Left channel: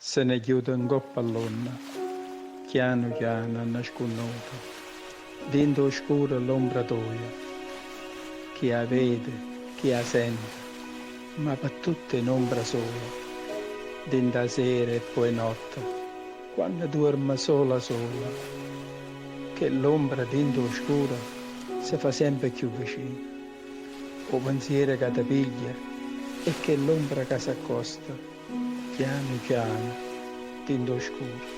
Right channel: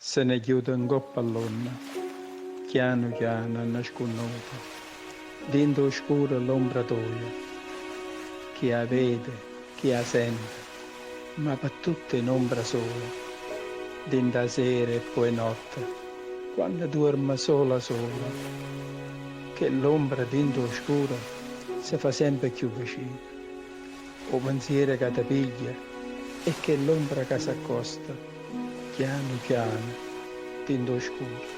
Se ne chiude in coppa all'onna, piano piano nasconduto, dentro oscuro l'ombra tua, chi la vede, chi la sente, ma per tutte in ombra solo, dentro la sera e poi notte, quando dorme sola sola, che l'ombra dentro oscura si fa sempre più vicina, o pensiero che ti piglia e che l'ombra che si accosta, piano piano, dentro oscuro.